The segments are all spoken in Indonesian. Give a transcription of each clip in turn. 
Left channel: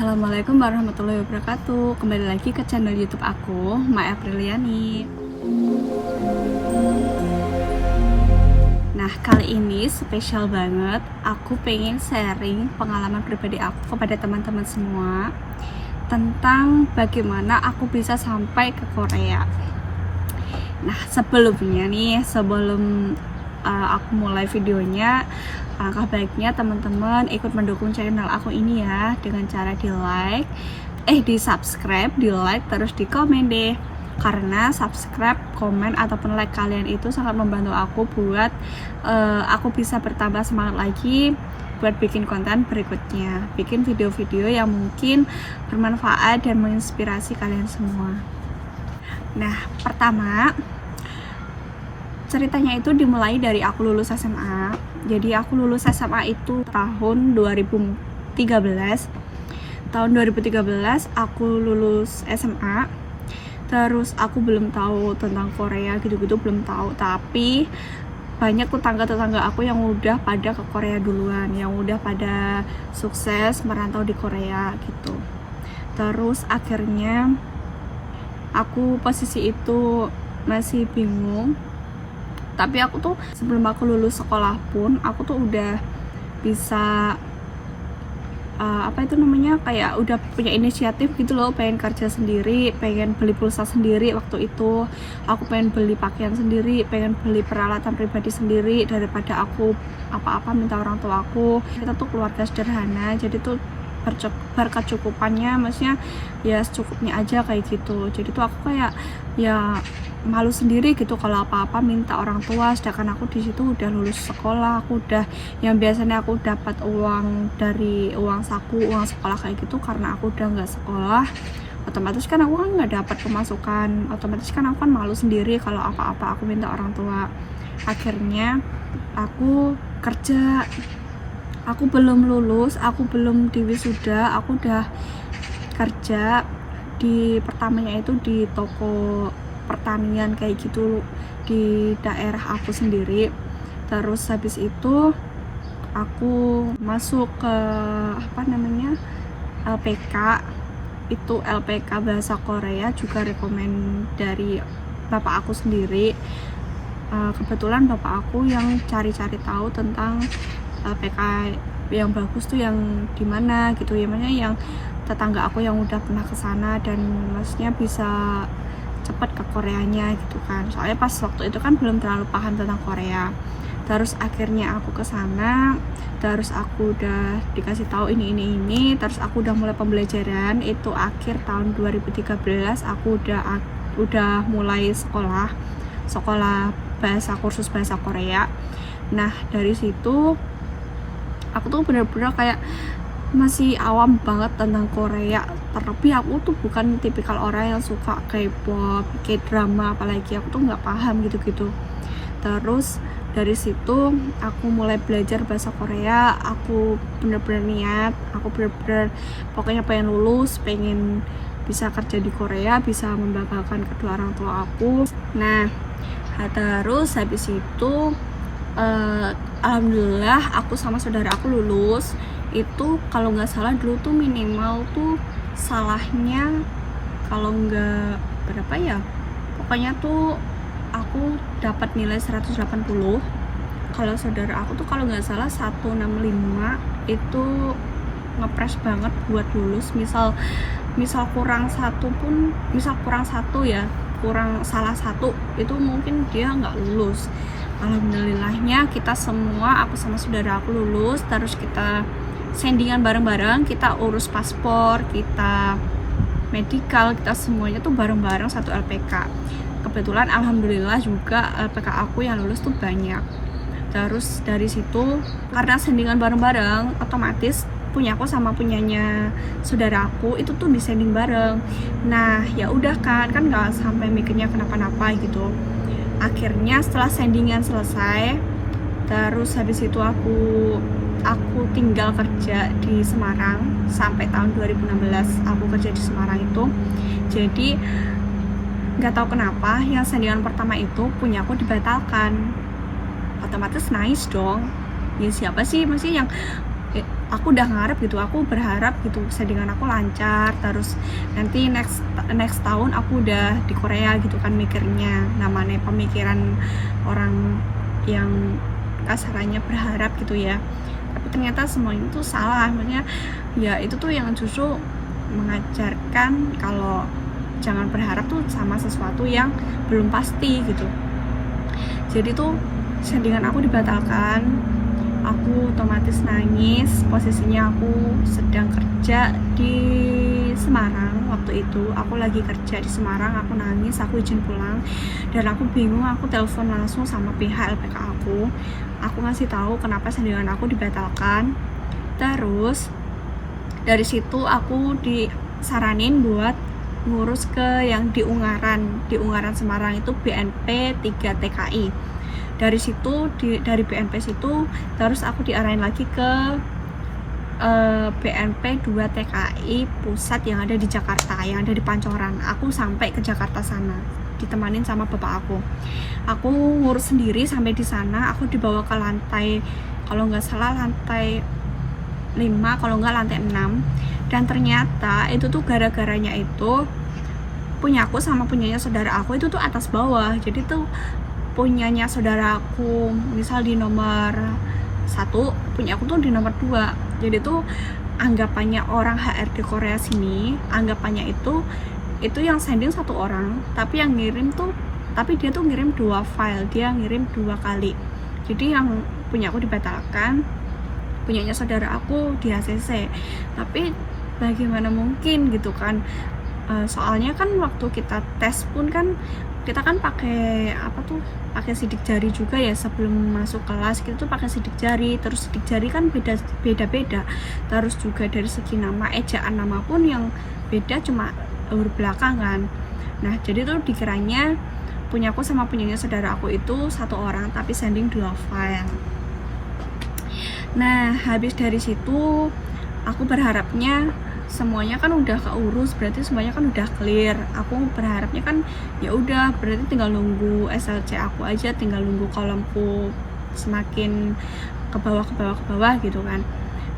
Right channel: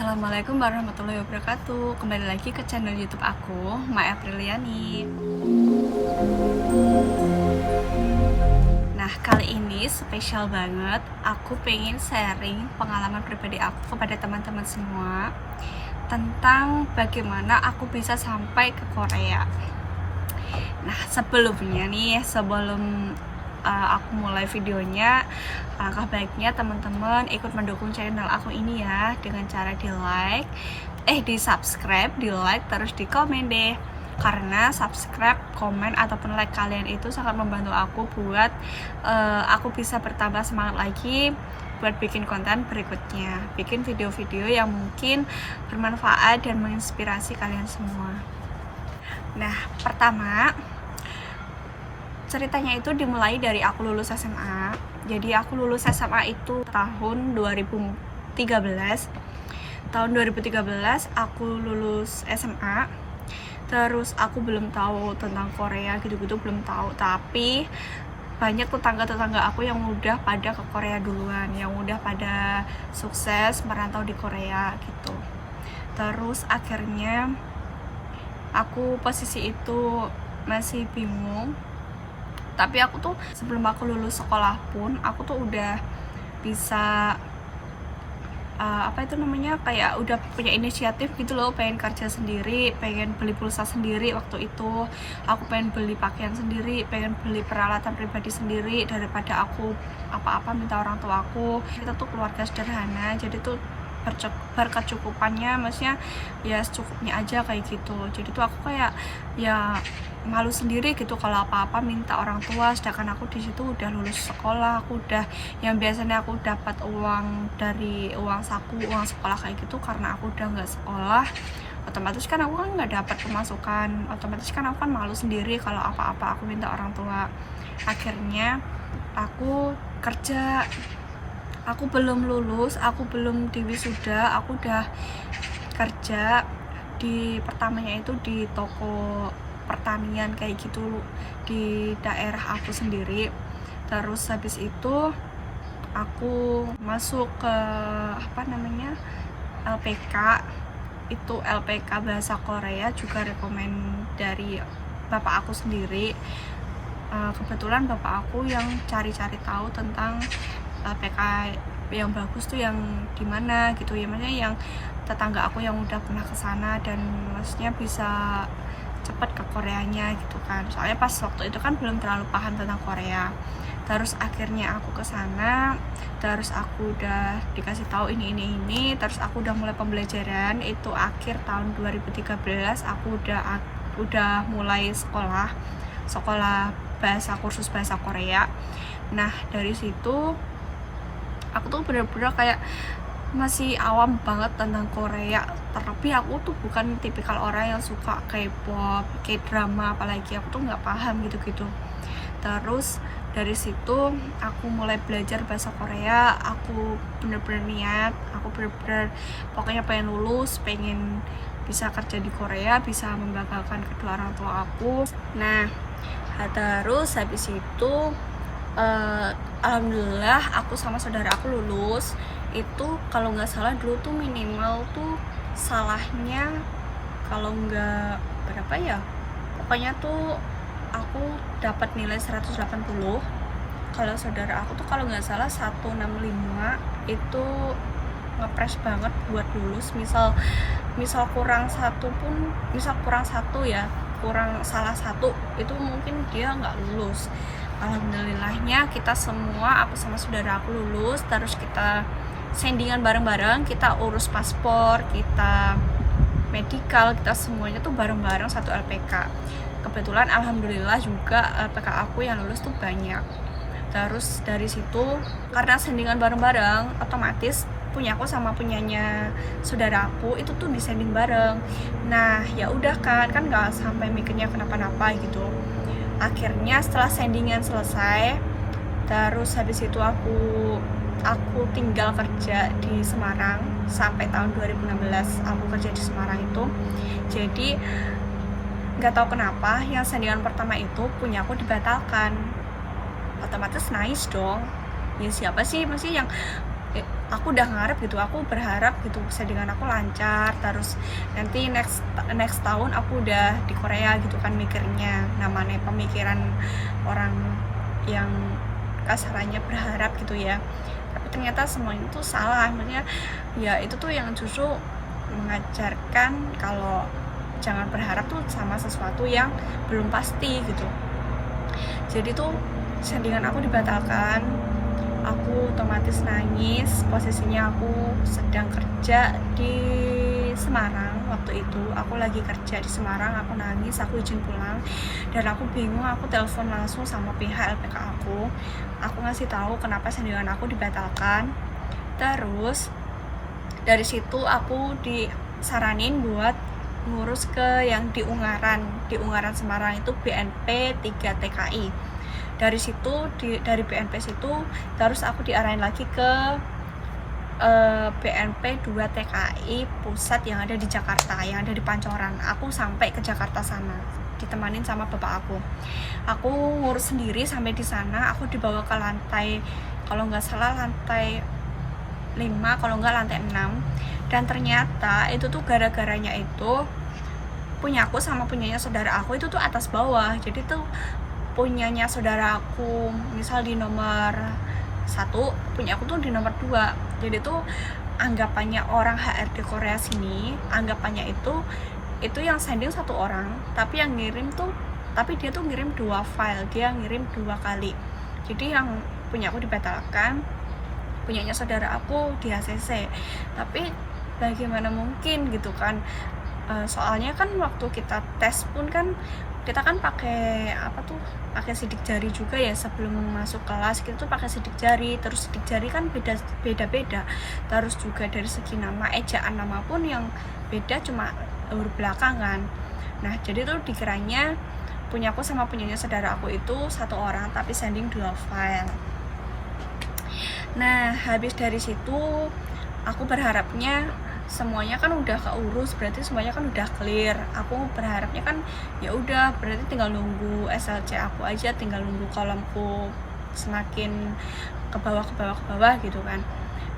Assalamualaikum warahmatullahi wabarakatuh. Kembali lagi ke channel YouTube aku, Ma Apriliani. Nah, kali ini spesial banget. Aku pengen sharing pengalaman pribadi aku kepada teman-teman semua tentang bagaimana aku bisa sampai ke Korea. Nah, sebelum aku mulai videonya, alangkah baiknya teman-teman ikut mendukung channel aku ini ya, dengan cara di subscribe, di like, terus di komen deh. Karena subscribe, komen, ataupun like kalian itu sangat membantu aku buat aku bisa bertambah semangat lagi buat bikin konten berikutnya, bikin video-video yang mungkin bermanfaat dan menginspirasi kalian semua. Nah, pertama ceritanya itu dimulai dari aku lulus SMA. Jadi aku lulus SMA itu tahun 2013. Tahun 2013 aku lulus SMA. Terus aku belum tahu tentang Korea gitu-gitu, belum tahu. Tapi banyak tetangga-tetangga aku yang udah pada ke Korea duluan, yang udah pada sukses merantau di Korea gitu. Terus akhirnya aku posisi itu masih bingung. Tapi aku tuh sebelum aku lulus sekolah pun aku tuh udah bisa kayak udah punya inisiatif gitu loh, pengen kerja sendiri, pengen beli pulsa sendiri. Waktu itu aku pengen beli pakaian sendiri, pengen beli peralatan pribadi sendiri, daripada aku apa-apa minta orang tua aku. Kita tuh keluarga sederhana, jadi tuh berkecukupannya, maksudnya ya secukupnya aja kayak gitu. Jadi tuh aku kayak ya malu sendiri gitu kalau apa-apa minta orang tua, sedangkan aku di situ udah lulus sekolah, aku udah yang biasanya aku dapat uang dari uang saku, uang sekolah kayak gitu. Karena aku udah nggak sekolah, otomatis kan aku kan nggak dapat pemasukan, otomatis kan aku kan malu sendiri kalau apa-apa aku minta orang tua. Akhirnya aku kerja. Aku belum lulus, aku belum diwisuda, aku udah kerja di pertamanya itu di toko pertanian kayak gitu di daerah aku sendiri. Terus habis itu aku masuk ke LPK. Itu LPK bahasa Korea, juga rekomen dari bapak aku sendiri. Kebetulan bapak aku yang cari-cari tahu tentang PK yang bagus tuh yang dimana gitu ya, maksudnya yang tetangga aku yang udah pernah kesana dan maksudnya bisa cepat ke Koreanya gitu kan. Soalnya pas waktu itu kan belum terlalu paham tentang Korea. Terus akhirnya aku kesana, terus aku udah dikasih tahu ini, terus aku udah mulai pembelajaran. Itu akhir tahun 2013 aku udah mulai sekolah kursus bahasa Korea. Nah, dari situ aku tuh bener-bener kayak masih awam banget tentang Korea. Terlebih aku tuh bukan tipikal orang yang suka K-pop, K-drama, apalagi aku tuh nggak paham gitu-gitu. Terus dari situ aku mulai belajar bahasa Korea. Aku bener-bener niat, aku bener-bener pokoknya pengen lulus, pengen bisa kerja di Korea, bisa membanggakan kedua orang tua aku. Nah, terus habis itu alhamdulillah aku sama saudara aku lulus. Itu kalau nggak salah dulu tuh minimal tuh salahnya kalau nggak berapa ya, pokoknya tuh aku dapat nilai 180. Kalau saudara aku tuh kalau nggak salah 165. Itu ngepres banget buat lulus. Misal kurang satu pun, kurang salah satu, itu mungkin dia nggak lulus. Alhamdulillahnya kita semua, aku sama saudara aku lulus. Terus kita sendingan bareng-bareng, kita urus paspor, kita medikal, kita semuanya tuh bareng-bareng satu LPK. Kebetulan alhamdulillah juga LPK aku yang lulus tuh banyak. Terus dari situ karena sendingan bareng-bareng, otomatis punya aku sama punyanya saudara aku itu tuh disending bareng. Nah, ya udah kan nggak sampai mikirnya kenapa-napa gitu. Akhirnya setelah sendingan selesai, terus habis itu aku tinggal kerja di Semarang sampai tahun 2016 aku kerja di Semarang itu. Jadi nggak tahu kenapa yang sendingan pertama itu punya aku dibatalkan. Otomatis nice dong. Ya siapa sih masih yang aku udah ngarep gitu, aku berharap gitu settingan aku lancar, terus nanti next tahun aku udah di Korea gitu kan mikirnya. Namanya pemikiran orang yang kasarannya berharap gitu ya, tapi ternyata semuanya itu salah. Maksudnya ya itu tuh yang justru mengajarkan kalau jangan berharap tuh sama sesuatu yang belum pasti gitu. Jadi tuh settingan aku dibatalkan, aku otomatis nangis. Posisinya aku sedang kerja di Semarang waktu itu, aku lagi kerja di Semarang, aku nangis, aku izin pulang, dan aku bingung. Aku telepon langsung sama pihak LPK aku ngasih tahu kenapa settingan aku dibatalkan. Terus dari situ aku disaranin buat ngurus ke yang di Ungaran Semarang itu BNP 3 TKI. Dari situ dari BNP situ terus aku diarahin lagi ke BNP 2 TKI pusat yang ada di Jakarta, yang ada di Pancoran. Aku sampai ke Jakarta sana ditemanin sama bapak aku ngurus sendiri sampai di sana. Aku dibawa ke lantai, kalau nggak salah lantai 5, kalau nggak lantai 6. Dan ternyata itu tuh gara-garanya itu punya aku sama punyanya saudara aku itu tuh atas bawah. Jadi tuh punyanya saudara aku misal di nomor 1, punya aku tuh di nomor 2. Jadi tuh anggapannya orang HRD Korea sini, anggapannya itu yang sending 1 orang, tapi yang ngirim tuh, tapi dia tuh ngirim 2 file, dia ngirim 2 kali. Jadi yang punya aku dibatalkan, punyanya saudara aku di ACC. Tapi bagaimana mungkin gitu kan, soalnya kan waktu kita tes pun kan kita kan pakai pakai sidik jari juga ya. Sebelum masuk kelas kita tuh pakai sidik jari, terus sidik jari kan beda-beda, terus juga dari segi nama, ejaan nama pun yang beda, cuma huruf belakang kan. Nah jadi tuh dikiranya punya aku sama punyanya saudara aku itu 1 orang, tapi sending 2 file. Nah habis dari situ aku berharapnya semuanya kan udah keurus, berarti semuanya kan udah clear. Aku berharapnya kan ya udah, berarti tinggal nunggu SLC aku aja, tinggal nunggu kolomku semakin ke bawah gitu kan.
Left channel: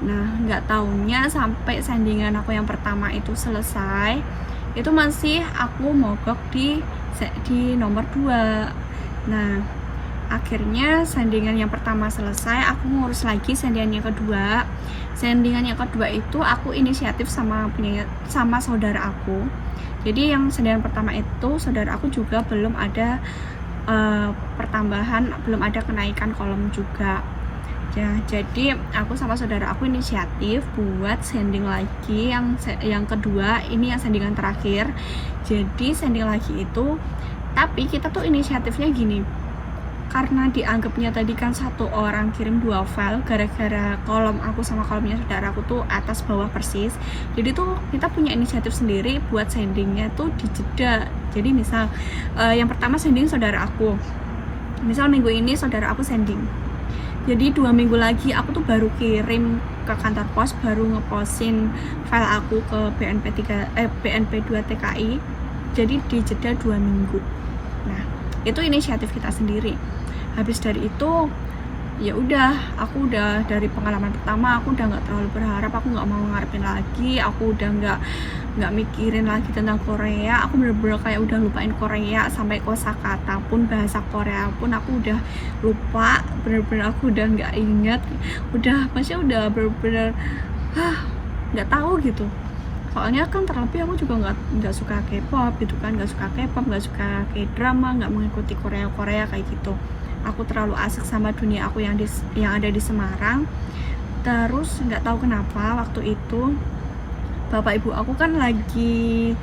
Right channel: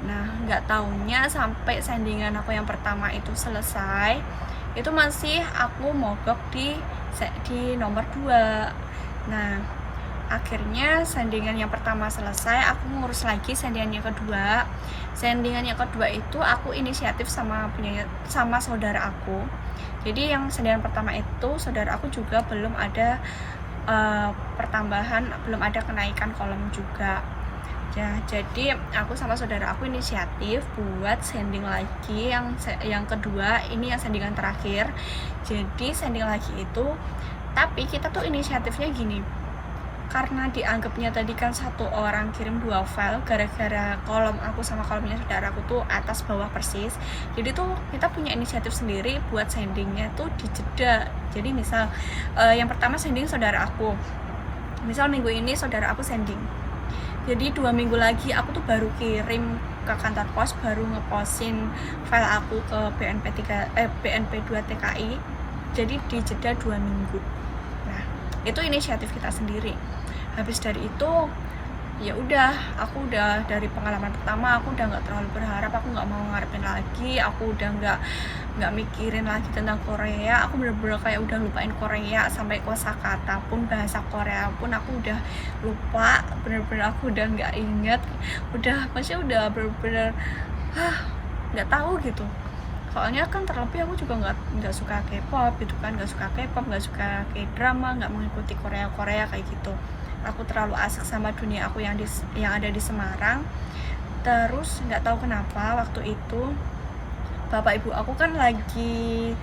Nah nggak taunya sampai sandingan aku yang pertama itu selesai, itu masih aku mogok di nomor 2. Nah akhirnya sandingan yang pertama selesai, aku ngurus lagi sandingan yang kedua. Sandingan yang kedua itu aku inisiatif sama saudara aku. Jadi yang sandingan pertama itu saudara aku juga belum ada pertambahan, belum ada kenaikan kolom juga ya. Jadi aku sama saudara aku inisiatif buat sanding lagi yang kedua, ini yang sandingan terakhir. Jadi sanding lagi itu, tapi kita tuh inisiatifnya gini, karena dianggapnya tadi kan 1 orang kirim 2 file, gara-gara kolom aku sama kolomnya saudara aku tuh atas bawah persis. Jadi tuh kita punya inisiatif sendiri buat sendingnya tuh dijeda. Jadi misal yang pertama sending saudara aku, misal minggu ini saudara aku sending, jadi 2 minggu lagi aku tuh baru kirim ke kantor pos, baru ngepostin file aku ke BNP 2 TKI. Jadi dijeda 2 minggu. Nah itu inisiatif kita sendiri. Habis dari itu ya udah, aku udah dari pengalaman pertama aku udah nggak terlalu berharap, aku nggak mau ngarepin lagi, aku udah nggak mikirin lagi tentang Korea. Aku bener-bener kayak udah lupain Korea, sampai kosakata pun, bahasa Korea pun aku udah lupa, bener-bener aku udah nggak inget, maksudnya udah bener-bener nggak tahu gitu. Soalnya kan terlebih aku juga nggak suka K-pop gitu kan, nggak suka K-drama, nggak mengikuti Korea kayak gitu. Aku terlalu asik sama dunia aku yang ada di Semarang. Terus nggak tahu kenapa waktu itu bapak ibu aku kan lagi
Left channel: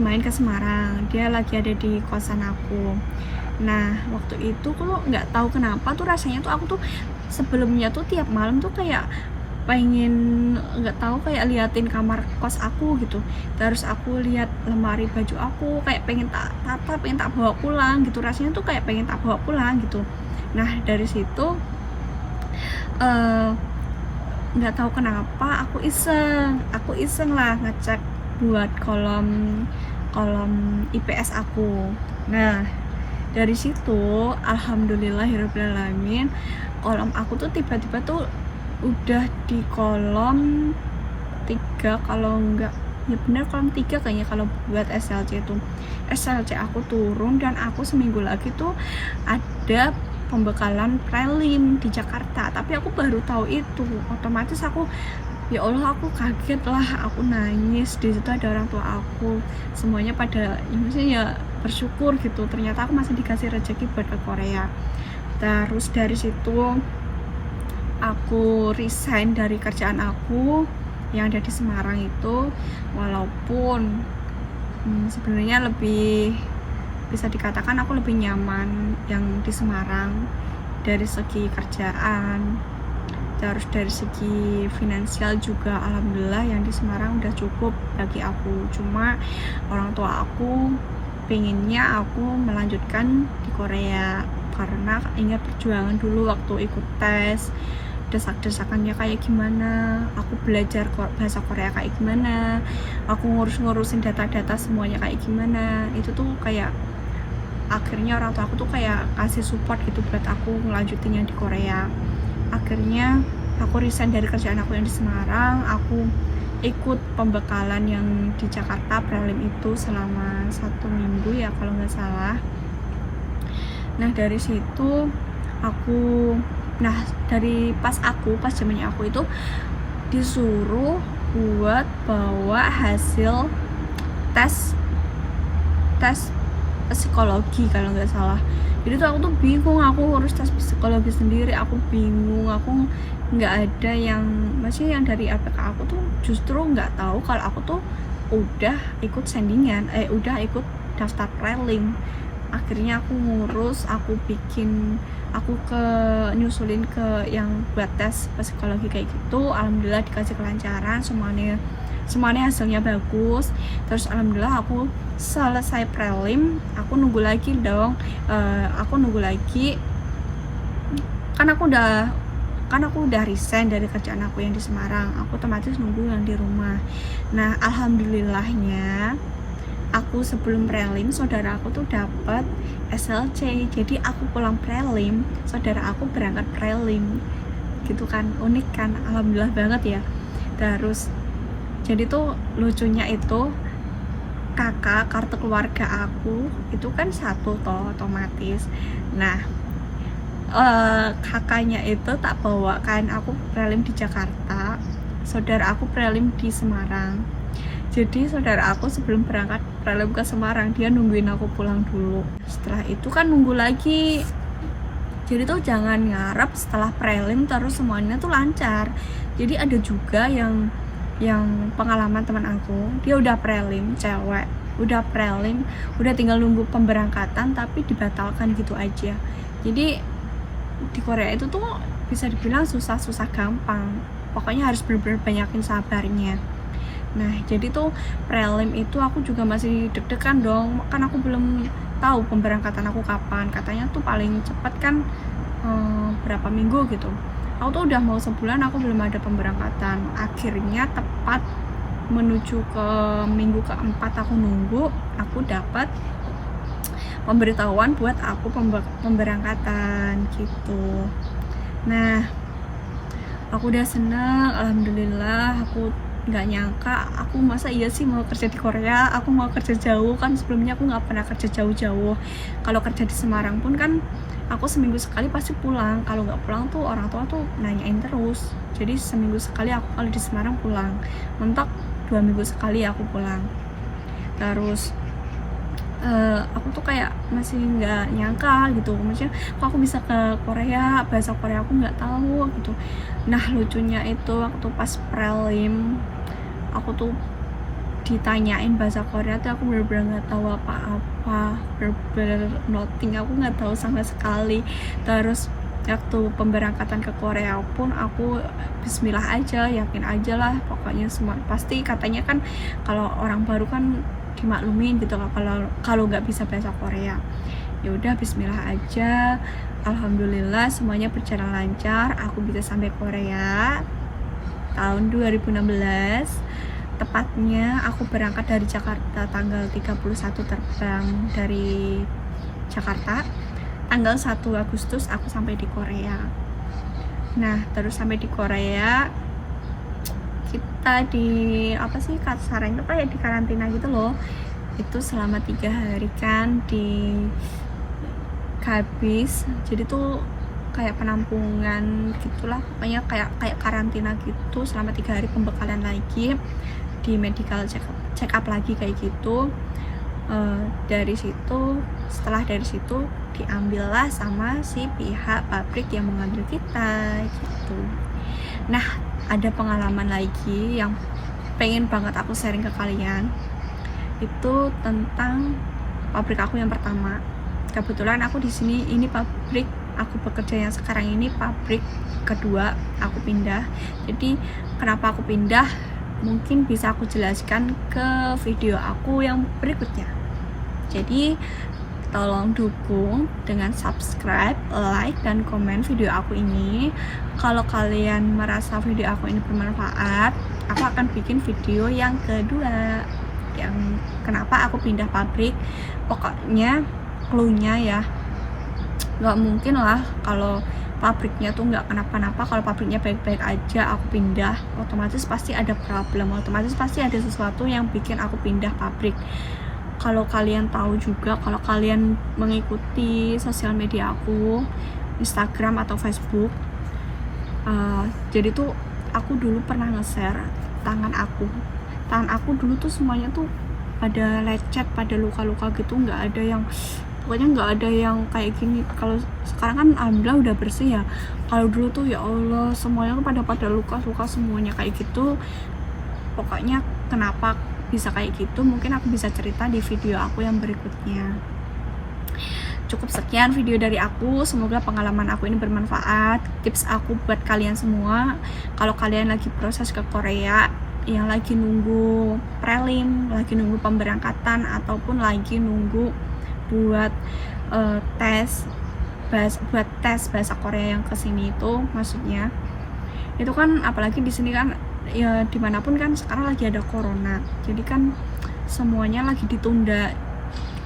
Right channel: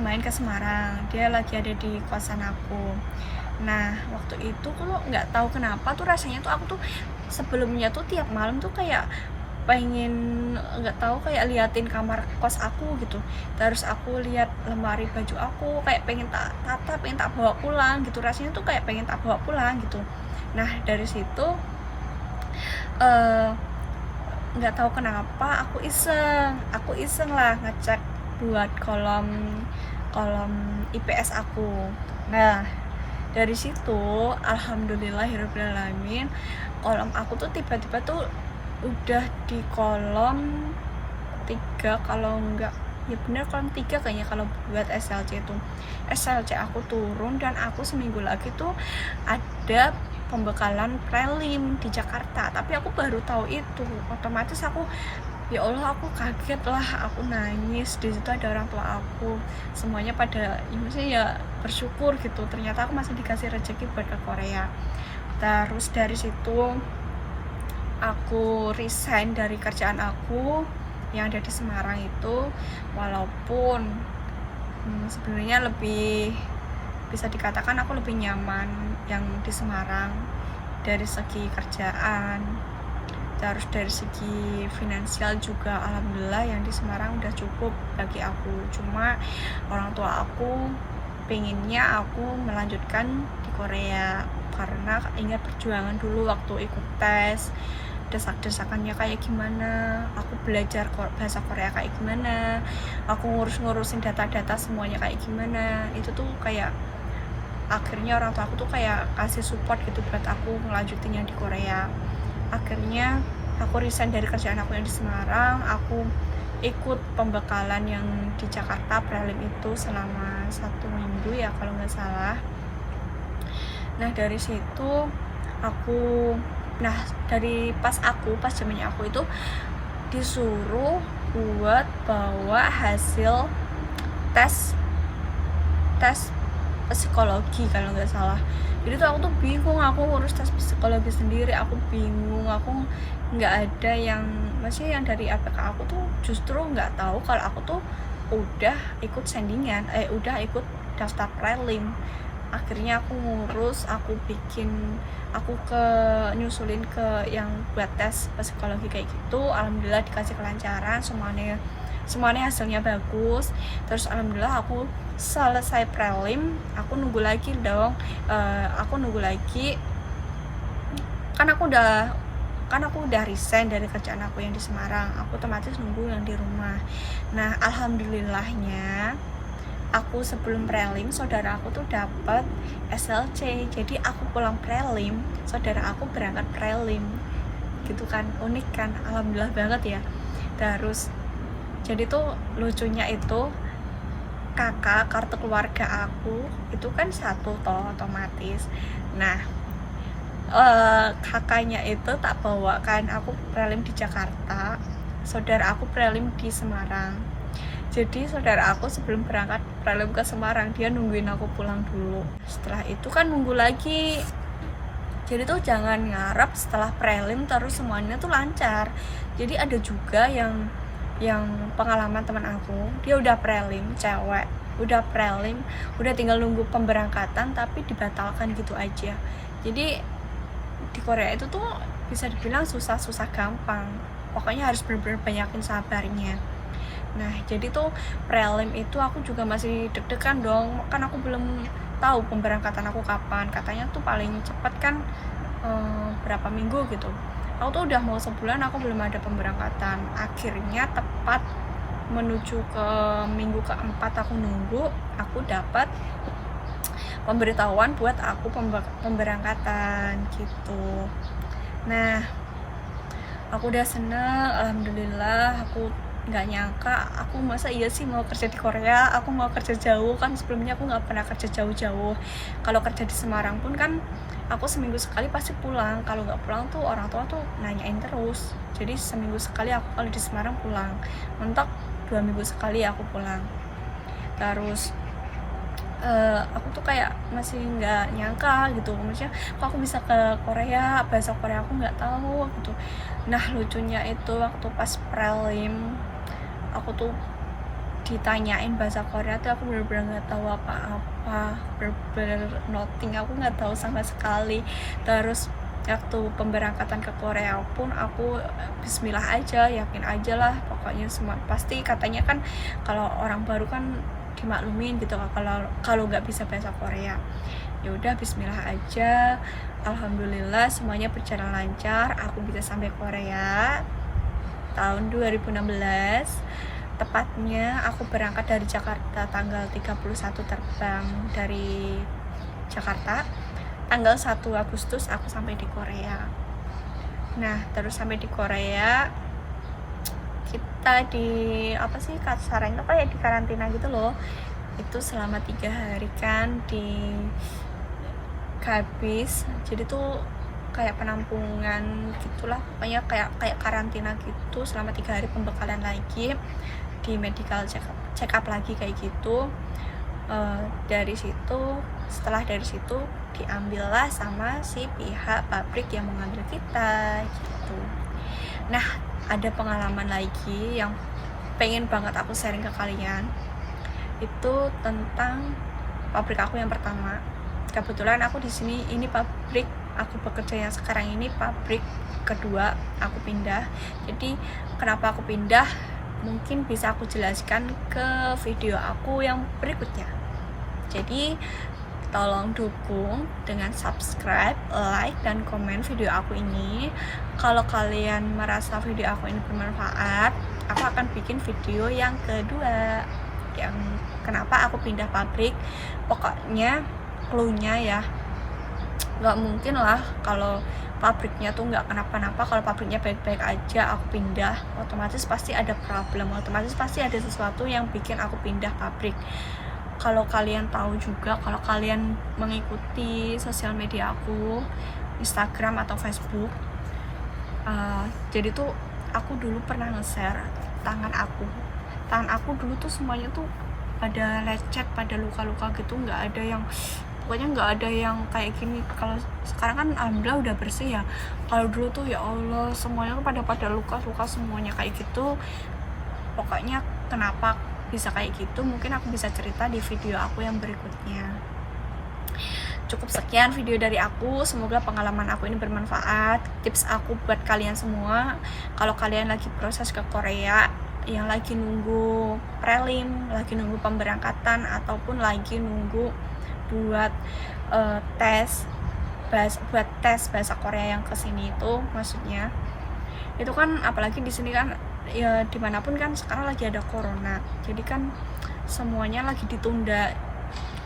main ke Semarang, dia lagi ada di kosan aku. Nah waktu itu kalau nggak tahu kenapa tuh rasanya tuh aku tuh sebelumnya tuh tiap malam tuh kayak pengen, nggak tahu, kayak liatin kamar kos aku gitu. Terus aku lihat lemari baju aku, kayak pengen tak tata, pengen tak bawa pulang gitu. Rasanya tuh kayak pengen tak bawa pulang gitu. Nah dari situ nggak tahu kenapa aku iseng lah ngecek buat kolom IPS aku. Nah dari situ alhamdulillahirobbilalamin kolom aku tuh tiba-tiba tuh udah di kolom 3 kalau enggak, ya benar kolom 3 kayaknya kalau buat SLC itu. SLC aku turun dan aku seminggu lagi tuh ada pembekalan prelim di Jakarta, tapi aku baru tahu itu. Otomatis aku, ya Allah, aku kaget lah, aku nangis. Di situ ada orang tua aku, semuanya pada maksudnya ya bersyukur gitu, ternyata aku masih dikasih rezeki buat ke Korea. Terus dari situ aku resign dari kerjaan aku yang ada di Semarang itu, walaupun sebenarnya lebih bisa dikatakan aku lebih nyaman yang di Semarang dari segi kerjaan, terus dari segi finansial juga alhamdulillah yang di Semarang udah cukup bagi aku. Cuma orang tua aku pengennya aku melanjutkan di Korea karena ingat perjuangan dulu waktu ikut tes, desak-desakannya kayak gimana, aku belajar bahasa Korea kayak gimana, aku ngurusin data-data semuanya kayak gimana. Itu tuh kayak akhirnya orang tua aku tuh kayak kasih support gitu buat aku ngelanjutin yang di Korea. Akhirnya aku resign dari kerjaan aku yang di Semarang, aku ikut pembekalan yang di Jakarta prelim itu selama 1 minggu ya kalau nggak salah. Nah dari situ aku, dari pas zamannya aku itu disuruh buat bawa hasil tes psikologi kalau nggak salah. Jadi tuh aku tuh bingung, aku ngurus tes psikologi sendiri, aku bingung, aku nggak ada yang, maksudnya yang dari APK aku tuh justru nggak tahu kalau aku tuh udah ikut sandingan, udah ikut daftar prelim. Akhirnya aku ngurus, aku nyusulin ke yang buat tes psikologi kayak gitu. Alhamdulillah dikasih kelancaran, semuanya hasilnya bagus. Terus alhamdulillah aku selesai prelim, aku nunggu lagi kan aku udah resign dari kerjaan aku yang di Semarang, aku otomatis nunggu yang di rumah. Nah alhamdulillahnya aku sebelum prelim, saudara aku tuh dapat SLC, jadi aku pulang prelim, saudara aku berangkat prelim, gitu kan, unik kan, alhamdulillah banget ya. Terus jadi tuh lucunya itu kakak kartu keluarga aku itu kan satu toh otomatis. Nah kakaknya itu tak bawa kan, aku prelim di Jakarta, saudara aku prelim di Semarang. Jadi saudara aku sebelum berangkat prelim ke Semarang, dia nungguin aku pulang dulu. Setelah itu kan nunggu lagi. Jadi tuh jangan ngarep setelah prelim terus semuanya tuh lancar. Jadi ada juga yang pengalaman teman aku, dia udah prelim, cewek, udah prelim, udah tinggal nunggu pemberangkatan tapi dibatalkan gitu aja. Jadi di Korea itu tuh bisa dibilang susah gampang, pokoknya harus benar-benar banyakin sabarnya. Nah jadi tuh prelim itu aku juga masih deg-degan dong, kan aku belum tahu pemberangkatan aku kapan. Katanya tuh paling cepat kan berapa minggu gitu. Aku tuh udah mau sebulan aku belum ada pemberangkatan. Akhirnya tepat menuju ke minggu keempat aku nunggu, aku dapat pemberitahuan buat aku pemberangkatan gitu. Nah aku udah seneng, alhamdulillah. Aku nggak nyangka, aku masa iya sih mau kerja di Korea, aku mau kerja jauh, kan sebelumnya aku nggak pernah kerja jauh-jauh. Kalau kerja di Semarang pun kan aku seminggu sekali pasti pulang, kalau nggak pulang tuh orang tua tuh nanyain terus. Jadi seminggu sekali aku kalau di Semarang pulang, mentok 2 minggu sekali aku pulang. Terus aku tuh kayak masih nggak nyangka gitu, maksudnya kok aku bisa ke Korea, bahasa Korea aku nggak tahu gitu. Nah lucunya itu waktu pas prelim aku tuh ditanyain bahasa Korea tuh aku bener-bener nggak tahu apa-apa, bener-bener nothing, aku nggak tahu sama sekali. Terus waktu pemberangkatan ke Korea pun aku bismillah aja, yakin aja lah pokoknya semua pasti. Katanya kan kalau orang baru kan dimaklumin gitu kalau nggak bisa bahasa Korea. Ya udah bismillah aja, alhamdulillah semuanya berjalan lancar, aku bisa sampai Korea tahun 2016. Tepatnya aku berangkat dari Jakarta tanggal 31, terbang dari Jakarta tanggal 1 Agustus aku sampai di Korea. Nah terus sampai di Korea kita di apa sih kasarannya kayak di karantina gitu loh, itu selama 3 hari kan di habis. Jadi tuh kayak penampungan gitulah, pokoknya kayak karantina gitu selama 3 hari, pembekalan lagi di medical check up lagi kayak gitu. Dari situ, setelah dari situ diambillah sama si pihak pabrik yang mengambil kita gitu. Nah ada pengalaman lagi yang pengen banget aku sharing ke kalian, itu tentang pabrik aku yang pertama. Kebetulan aku di sini ini pabrik aku bekerja yang sekarang ini pabrik kedua aku pindah. Jadi kenapa aku pindah mungkin bisa aku jelaskan ke video aku yang berikutnya. Jadi tolong dukung dengan subscribe, like, dan komen video aku ini. Kalau kalian merasa video aku ini bermanfaat, aku akan bikin video yang kedua, yang kenapa aku pindah pabrik. Pokoknya cluenya ya, nggak mungkin lah kalau pabriknya tuh nggak kenapa-napa. Kalau pabriknya baik-baik aja aku pindah, otomatis pasti ada problem, otomatis pasti ada sesuatu yang bikin aku pindah pabrik. Kalau kalian tahu juga, kalau kalian mengikuti sosial media aku, Instagram atau Facebook, jadi tuh aku dulu pernah nge-share tangan aku dulu tuh semuanya tuh pada lecet, pada luka-luka gitu, nggak ada yang, pokoknya nggak ada yang kayak gini. Kalau sekarang kan alhamdulillah udah bersih ya, kalau dulu tuh ya Allah semuanya tuh pada luka-luka semuanya kayak gitu. Pokoknya kenapa bisa kayak gitu mungkin aku bisa cerita di video aku yang berikutnya. Cukup sekian video dari aku, semoga pengalaman aku ini bermanfaat. Tips aku buat kalian semua, kalau kalian lagi proses ke Korea, yang lagi nunggu prelim, lagi nunggu pemberangkatan, ataupun lagi nunggu buat tes bahasa Korea yang kesini itu, maksudnya itu kan apalagi di sini kan ya dimanapun kan sekarang lagi ada corona, jadi kan semuanya lagi ditunda.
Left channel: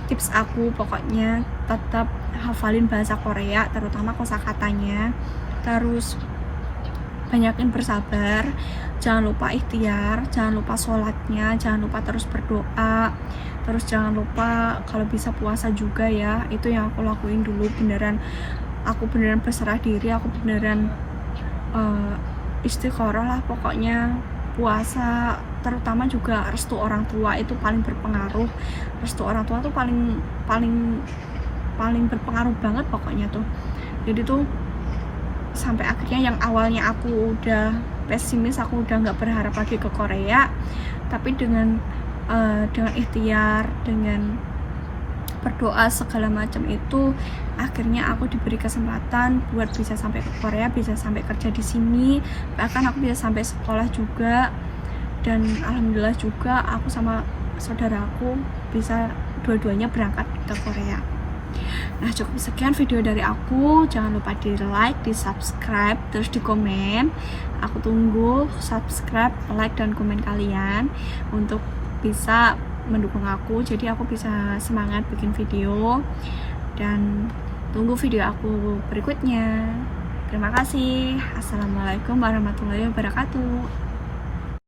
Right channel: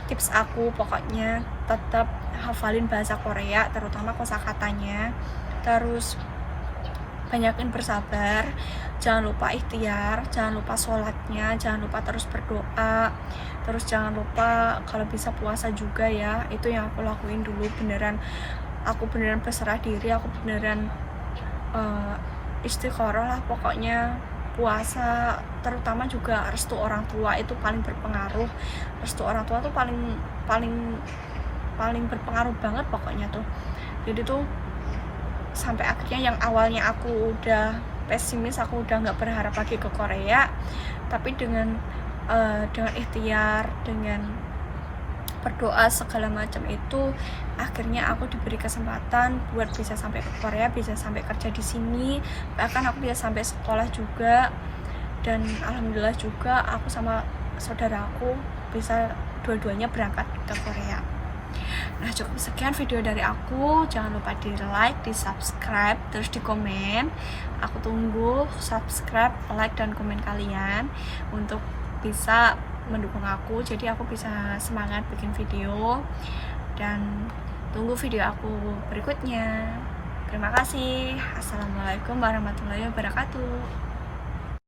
Tips aku pokoknya tetap hafalin bahasa Korea, terutama kosakatanya, terus banyakin bersabar, jangan lupa ikhtiar, jangan lupa sholatnya, jangan lupa terus berdoa, terus jangan lupa kalau bisa puasa juga ya. Itu yang aku lakuin dulu, aku beneran berserah diri, aku beneran istiqoroh lah pokoknya. Puasa, terutama juga restu orang tua itu paling berpengaruh. Restu orang tua tuh paling berpengaruh banget pokoknya tuh. Jadi tuh sampai akhirnya yang awalnya aku udah pesimis, aku udah nggak berharap lagi ke Korea, tapi dengan ikhtiar, dengan berdoa segala macam itu, akhirnya aku diberi kesempatan buat bisa sampai ke Korea, bisa sampai kerja di sini, bahkan aku bisa sampai sekolah juga. Dan alhamdulillah juga aku sama saudaraku bisa dua-duanya berangkat ke Korea. Nah cukup sekian video dari aku, jangan lupa di like, di subscribe, terus di komen. Aku tunggu subscribe, like, dan komen kalian untuk bisa mendukung aku, jadi aku bisa semangat bikin video. Dan tunggu video aku berikutnya. Terima kasih. Assalamualaikum warahmatullahi wabarakatuh.